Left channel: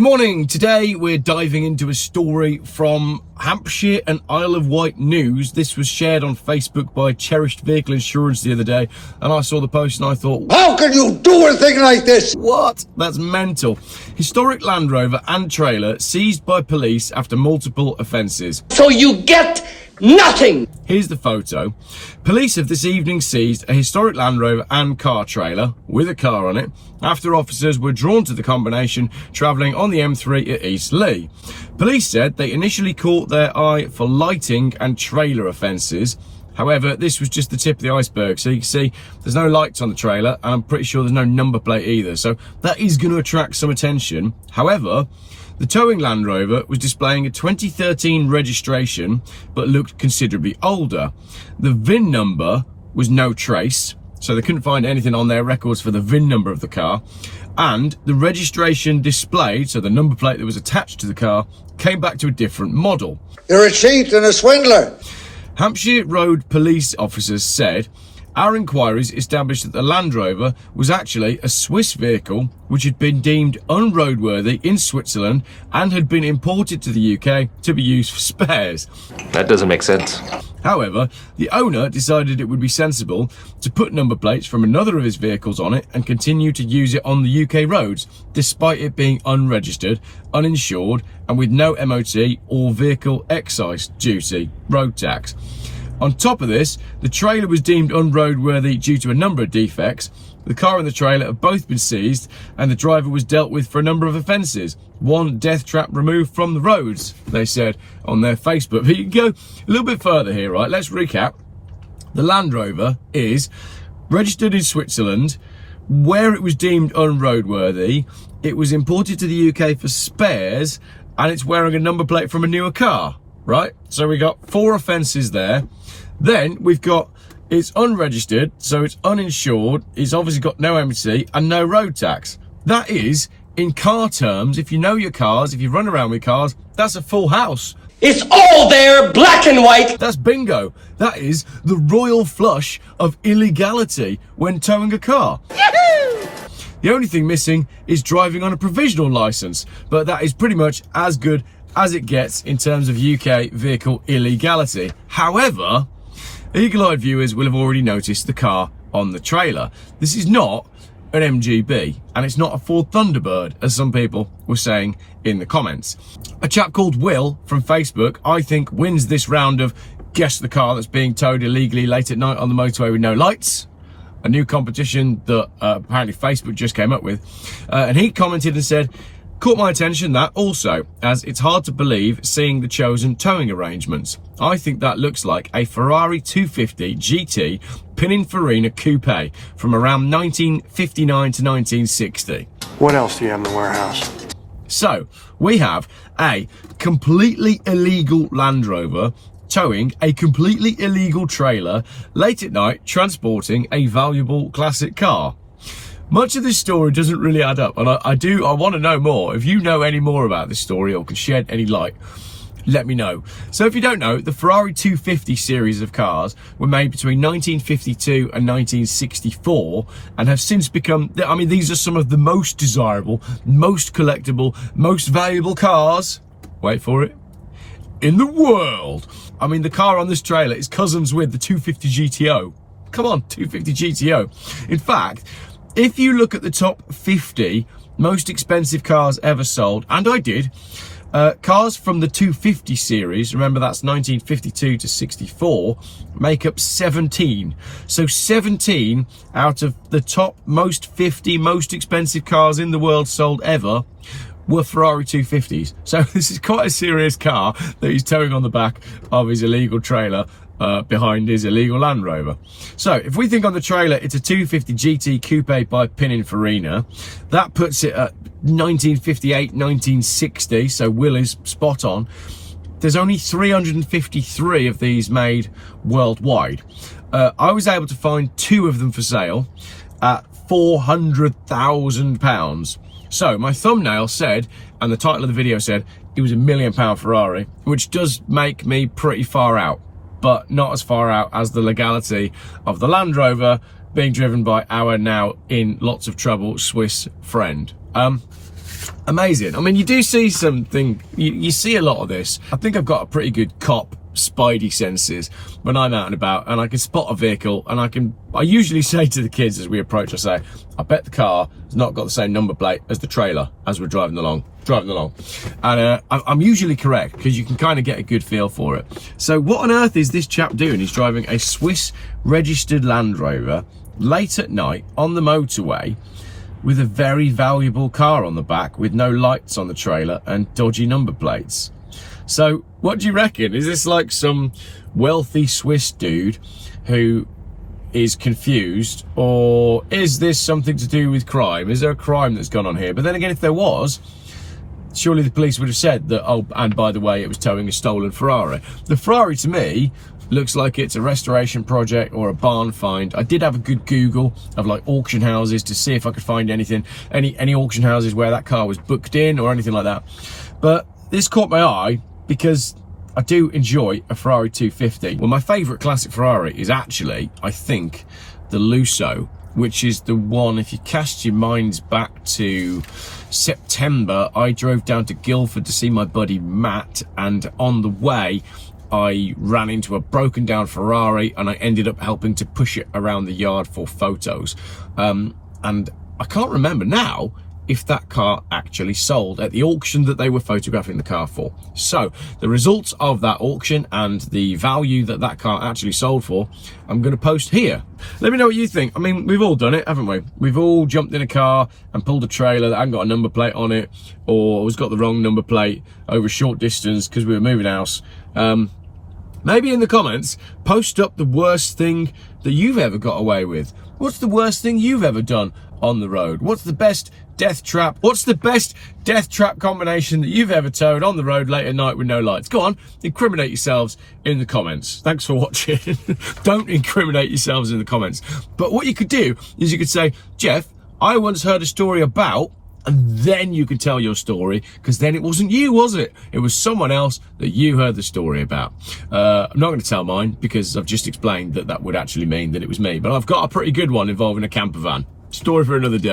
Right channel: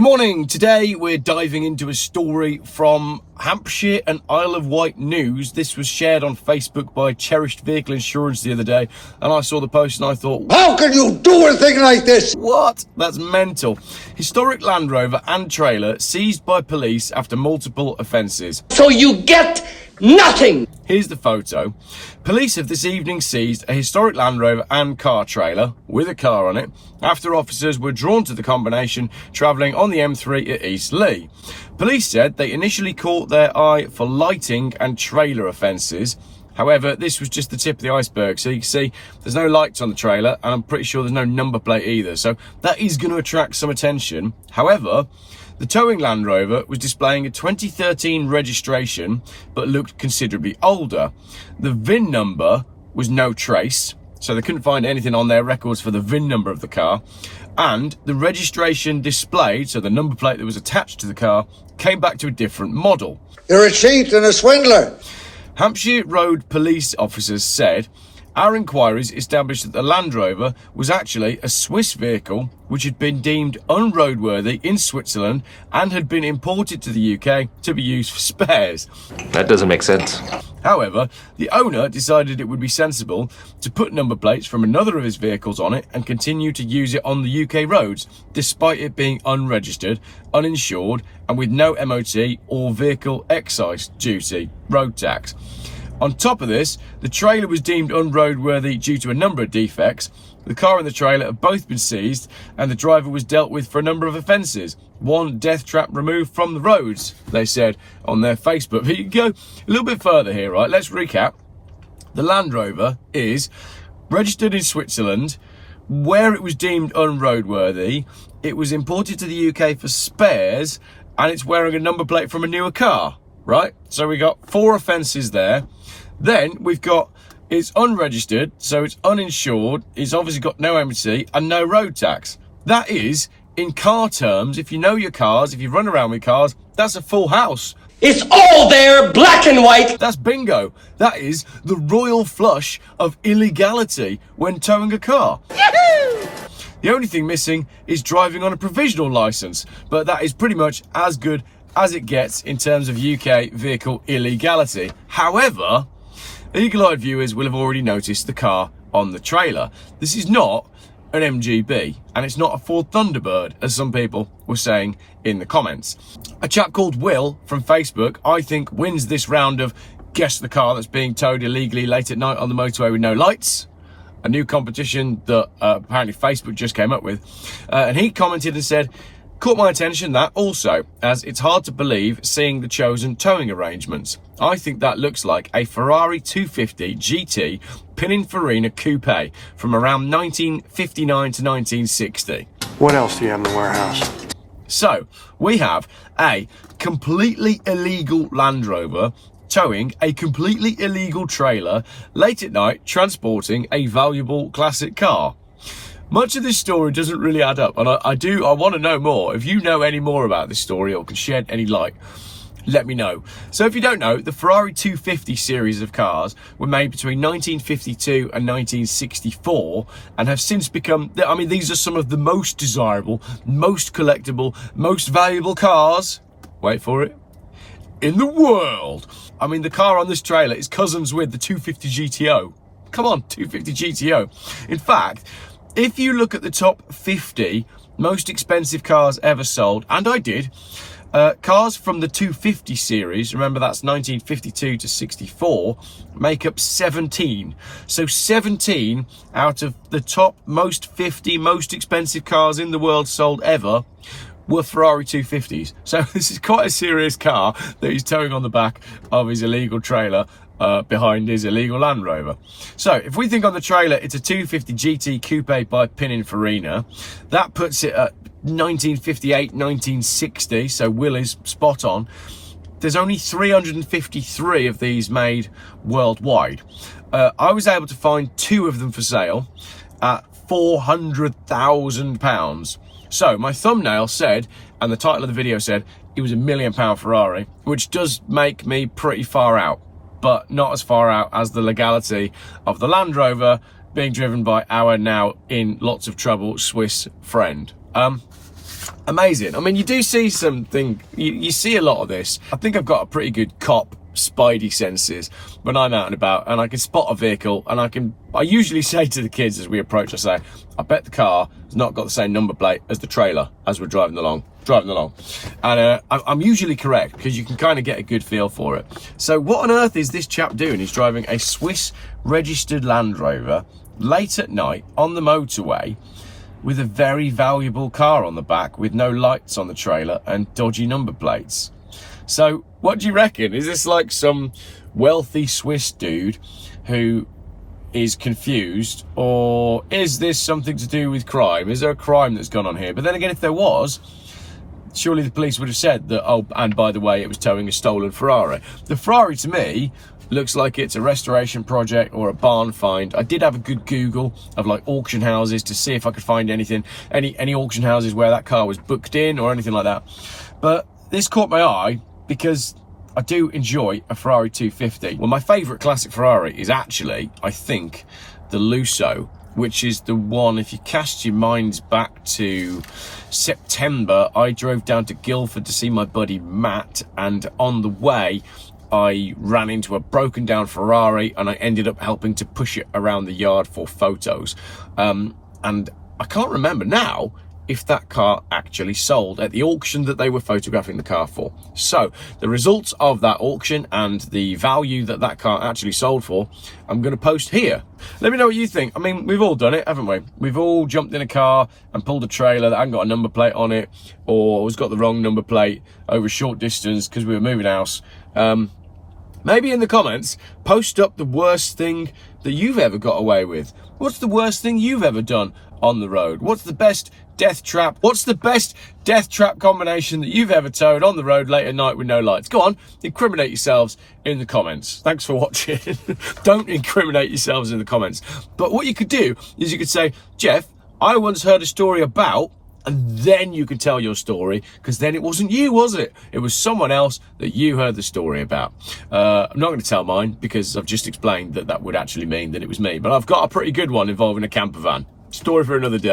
Good morning. Today we're diving into a story from Hampshire and Isle of Wight news. This was shared on Facebook by Cherished Vehicle Insurance the other day, and I saw the post and I thought, how can you do a thing like this? What? That's mental. Historic Land Rover and trailer seized by police after multiple offences. So you get nothing. Here's the photo. Police have this evening seized a historic Land Rover and car trailer with a car on it after officers were drawn to the combination travelling on the M3 at East Leigh. Police said they initially caught their eye for lighting and trailer offences. However, this was just the tip of the iceberg. So you can see there's no lights on the trailer, and I'm pretty sure there's no number plate either. So that is going to attract some attention. However, the towing Land Rover was displaying a 2013 registration, but looked considerably older. The VIN number was no trace, so they couldn't find anything on their records for the VIN number of the car. And the registration displayed, so the number plate that was attached to the car, came back to a different model. You're a cheat and a swindler. Hampshire Road police officers said, our inquiries established that the Land Rover was actually a Swiss vehicle which had been deemed unroadworthy in Switzerland and had been imported to the UK to be used for spares. That doesn't make sense. However, the owner decided it would be sensible to put number plates from another of his vehicles on it and continue to use it on the UK roads, despite it being unregistered, uninsured, and with no MOT or vehicle excise duty, road tax. On top of this, the trailer was deemed unroadworthy due to a number of defects. The car and the trailer have both been seized, and the driver was dealt with for a number of offences. One death trap removed from the roads, they said on their Facebook. But you can go a little bit further here, right? Let's recap. The Land Rover is registered in Switzerland, where it was deemed unroadworthy. It was imported to the UK for spares, and it's wearing a number plate from a newer car, right? So we got 4 offences there. Then we've got it's unregistered, so it's uninsured, it's obviously got no MOT and no road tax. That is, in car terms, if you know your cars, if you run around with cars, that's a full house. It's all there, black and white. That's bingo. That is the royal flush of illegality when towing a car. Yahoo! The only thing missing is driving on a provisional licence, but that is pretty much as good as it gets in terms of UK vehicle illegality. However, eagle-eyed viewers will have already noticed the car on the trailer. This is not an MGB, and it's not a Ford Thunderbird, as some people were saying in the comments. A chap called Will from Facebook, I think, wins this round of guess the car that's being towed illegally late at night on the motorway with no lights, a new competition that apparently Facebook just came up with. And he commented and said, caught my attention that also, as it's hard to believe seeing the chosen towing arrangements. I think that looks like a Ferrari 250 GT Pininfarina Coupe from around 1959 to 1960. What else do you have in the warehouse? So, we have a completely illegal Land Rover towing a completely illegal trailer late at night, transporting a valuable classic car. Much of this story doesn't really add up, and I want to know more. If you know any more about this story or can shed any light, let me know. So if you don't know, the Ferrari 250 series of cars were made between 1952 and 1964 and have since become, I mean, these are some of the most desirable, most collectible, most valuable cars, wait for it, in the world. I mean, the car on this trailer is cousins with the 250 GTO. Come on, 250 GTO. In fact, if you look at the top 50 most expensive cars ever sold, and I did, cars from the 250 series, remember that's 1952 to 64, make up 17. So 17 out of the top most 50 most expensive cars in the world sold ever were Ferrari 250s. So this is quite a serious car that he's towing on the back of his illegal trailer behind his illegal Land Rover. So if we think on the trailer, it's a 250 GT Coupe by Pininfarina. That puts it at 1958, 1960, so Will is spot on. There's only 353 of these made worldwide. I was able to find 2 of them for sale at £400,000. So my thumbnail said, and the title of the video said, it was £1 million Ferrari, which does make me pretty far out, but not as far out as the legality of the Land Rover being driven by our now in lots of trouble Swiss friend. Amazing. I mean, you do see something, you see a lot of this. I think I've got a pretty good cop spidey senses when I'm out and about, and I can spot a vehicle, and I usually say to the kids as we approach, I say, I bet the car has not got the same number plate as the trailer as we're driving along. And I'm usually correct, because you can kind of get a good feel for it. So what on earth is this chap doing? He's driving a Swiss registered Land Rover late at night on the motorway with a very valuable car on the back with no lights on the trailer and dodgy number plates. So what do you reckon? Is this like some wealthy Swiss dude who is confused, or is this something to do with crime? Is there a crime that's gone on here? But then again, if there was, surely the police would have said that, oh, and by the way, it was towing a stolen Ferrari. The Ferrari, to me, looks like it's a restoration project or a barn find. I did have a good Google of like auction houses to see if I could find anything, any auction houses where that car was booked in or anything like that. But this caught my eye because I do enjoy a Ferrari 250. Well, my favourite classic Ferrari is actually, I think, the Lusso, which is the one, if you cast your minds back to September, I drove down to Guildford to see my buddy Matt, and on the way, I ran into a broken down Ferrari, and I ended up helping to push it around the yard for photos. And I can't remember now if that car actually sold at the auction that they were photographing the car for. So the results of that auction and the value that that car actually sold for, I'm going to post here. Let me know what you think. I mean, we've all done it, haven't we? We've all jumped in a car and pulled a trailer that hadn't got a number plate on it, or has got the wrong number plate over a short distance because we were moving house. Maybe in the comments, post up the worst thing that you've ever got away with. What's the worst thing you've ever done on the road? What's the best death trap? What's the best death trap combination that you've ever towed on the road late at night with no lights? Go on, incriminate yourselves in the comments. Thanks for watching. Don't incriminate yourselves in the comments. But what you could do is you could say, Geoff, I once heard a story about, and then you could tell your story, because then it wasn't you, was it? It was someone else that you heard the story about. I'm not going to tell mine, because I've just explained that that would actually mean that it was me. But I've got a pretty good one involving a camper van. Story for another day.